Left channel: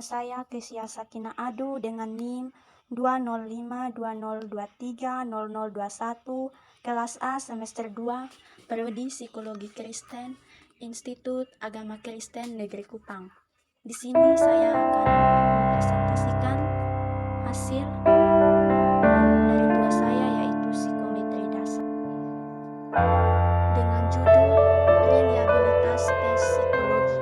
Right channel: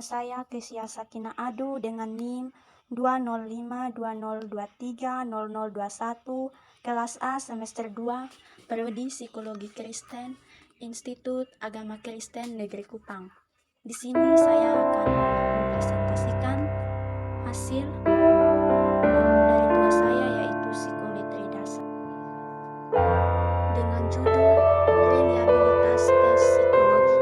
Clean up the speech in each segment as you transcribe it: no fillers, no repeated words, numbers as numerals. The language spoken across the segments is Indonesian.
Nama saya Kesia Sakina Adu dengan NIM 20520230021, kelas A semester 2, Prodi Psikologi Kristen, Institut Agama Kristen Negeri Kupang. Di sini saya akan mempresentasikan hasil dari tugas saya, yaitu psikometri dasar dengan judul reliabilitas tes psikologi.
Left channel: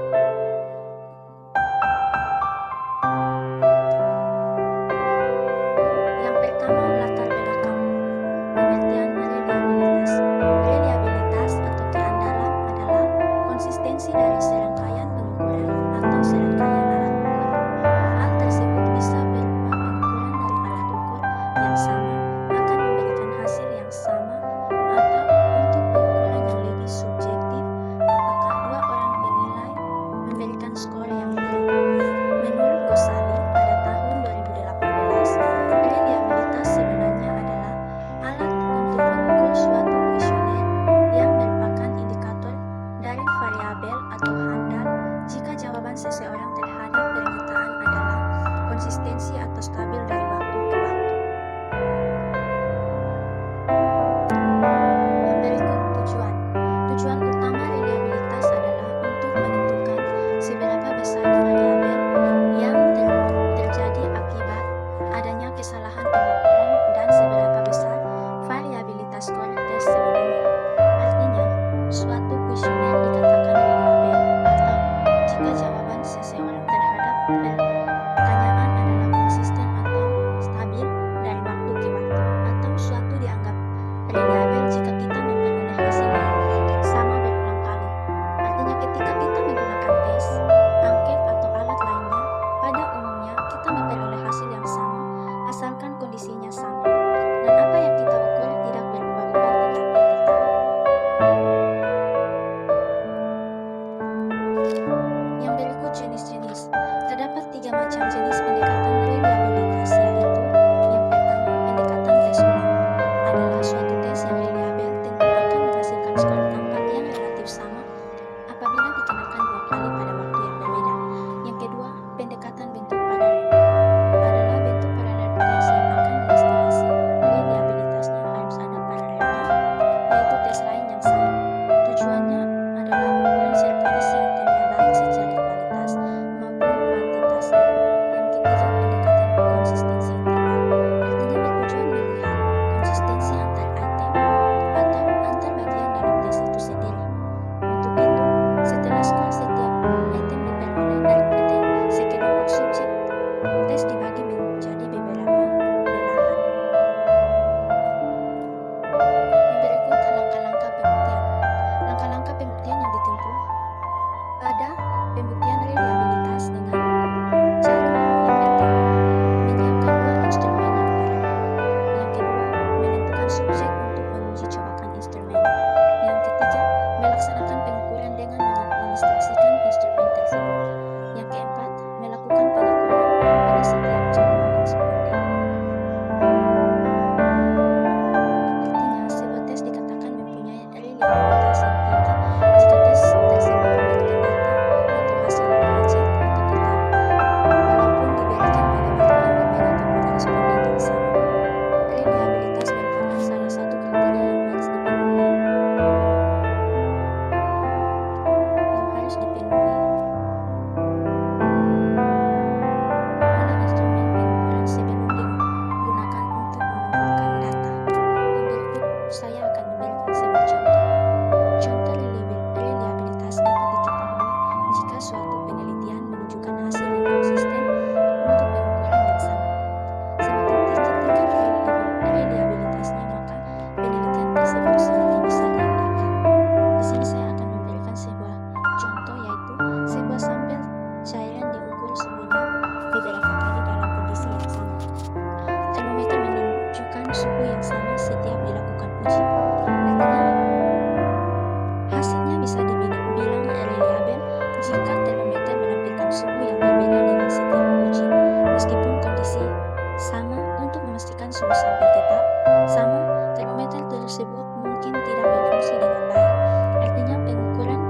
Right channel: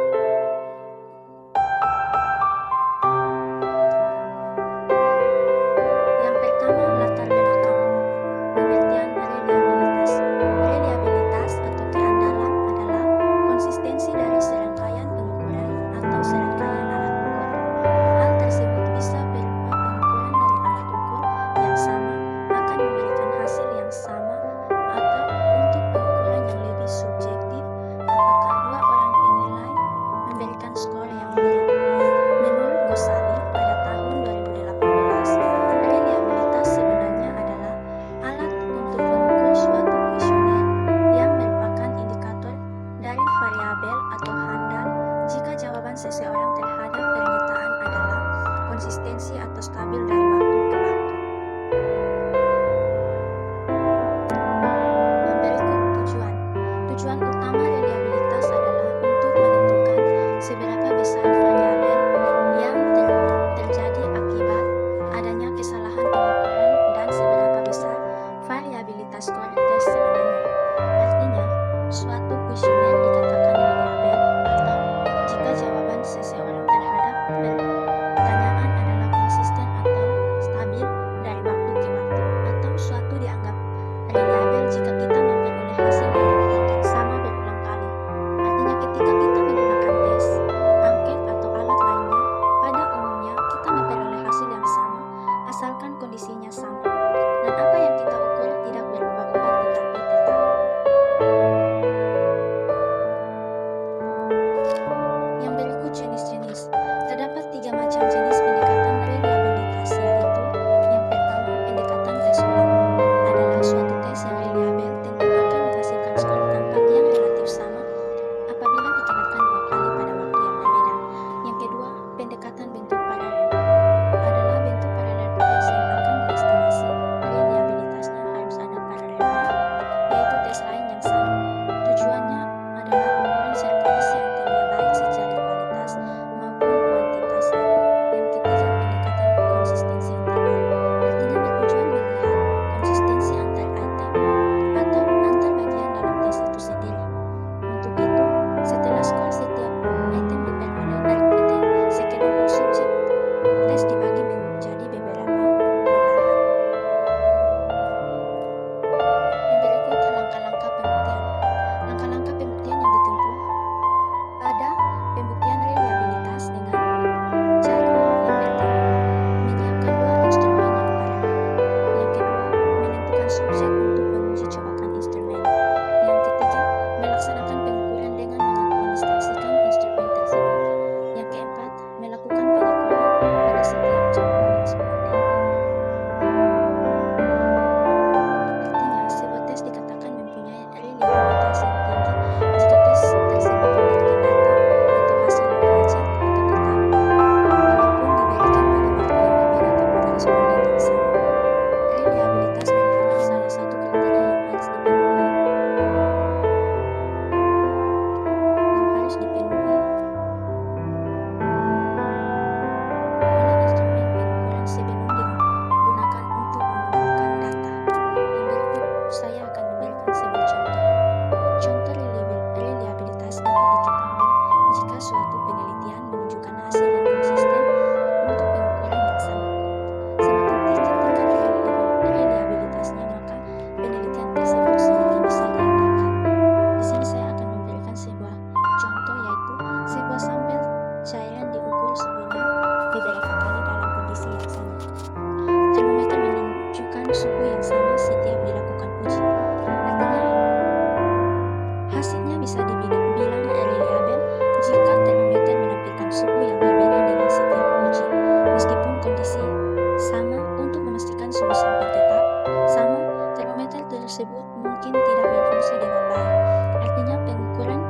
Yang pertama, latar belakang pengertian reliabilitas. Reliabilitas atau keandalan adalah konsistensi dari serangkaian pengukuran atau serangkaian alat ukur. Hal tersebut bisa berupa pengukuran dari alat ukur yang sama akan memberikan hasil yang sama, atau untuk pengukuran yang lebih subjektif, apakah dua orang penilai memberikan skor yang mirip. Menurut Ghazali pada tahun 2018, reliabilitas sebenarnya adalah alat untuk mengukur suatu kuesioner yang merupakan indikator dari variabel atau handal jika jawaban seseorang terhadap pernyataan adalah konsistensi atau stabil dari waktu ke waktu. Yang berikut tujuan. Tujuan utama reliabilitas adalah untuk menentukan seberapa besar variabel yang terjadi akibat adanya kesalahan pengukuran dan seberapa besar variabilitas skor tes sebenarnya. Artinya, suatu kuesioner dikatakan reliabel atau jika jawaban seseorang terhadap pertanyaan adalah konsisten atau stabil dari waktu ke waktu, atau suatu dianggap reliabel jika kita memperoleh hasil yang sama berulang kali. Artinya, ketika kita menggunakan tes, angket atau alat lainnya, pada umumnya kita memperoleh hasil yang sama asalkan kondisinya sama dan apa yang kita ukur tidak berubah-ubah tetapi tetap. Yang berikut jenis-jenis. Terdapat 3 macam jenis pendekatan reliabilitas, yaitu yang pertama, pendekatan tes ulang. Adalah suatu tes yang reliabel tentu akan menghasilkan skor tampak yang relatif sama apabila dikenakan 2 kali pada waktu yang berbeda. Yang kedua, pendekatan bentuk paralel. Adalah bentuk paralel tes yang akan diestimasi reliabilitasnya harus ada paralelnya, yaitu tes lain yang sama. Tujuannya adalah ukuran serta isi itemnya baik secara kualitas maupun kuantitasnya. Yang ketiga, pendekatan konsistensi internal. Artinya bertujuan melihat konsistensi antar item atau antar bagian dalam tes itu sendiri. Untuk itu, setelah skor setiap item diperoleh dari sekelompok subjek, tes dibagi menjadi beberapa belahan. Yang berikut langkah-langkah pembuktian. Langkah-langkah pembuktian yang ditempuh pada pembuktian reliabilitas dengan cara yang pertama, menyiapkan 2 instrumen yang paralel. Yang kedua, menentukan subjek untuk menguji cobakan instrumen. Yang ketiga, melaksanakan pengukuran dengan mengadministrasikan instrumen tersebut. Yang keempat, melakukan penyukuran pada setiap jawaban responden. Artinya, sebuah tes dikatakan mempunyai reliabilitas yang tinggi jika tes tersebut memberikan data atau hasil yang valid atau tetap, walaupun diberikan pada waktu yang berbeda kepada responden yang sama. Reliabilitas merupakan salah satu kriteria yang harus dipenuhi oleh instrumen pengukuran sebelum digunakan untuk mengumpulkan data. Yang berikut saya akan memberikan sebuah contoh. Contoh reliabilitas dapat diketahui jika suatu penelitian menunjukkan hasil yang konsisten untuk pengukuran yang sama. Semakin tinggi tingkat reliabilitasnya, maka penelitian tersebut semakin bisa diandalkan. Di sini saya akan memberikan sebuah contoh, yaitu sebuah sampel cairan diukur suhunya beberapa kali dalam kondisi yang sama. Termometer menunjukkan suhu yang sama setiap dilakukan uji. Artinya, hasilnya bisa dibilang reliabel jika termometer menampilkan suhu yang berbeda dengan setiap uji, meskipun kondisi sama. Untuk memastikan suhu sampel tetap sama, termometer tersebut mungkin tidak berfungsi dengan baik. Artinya, pengukuran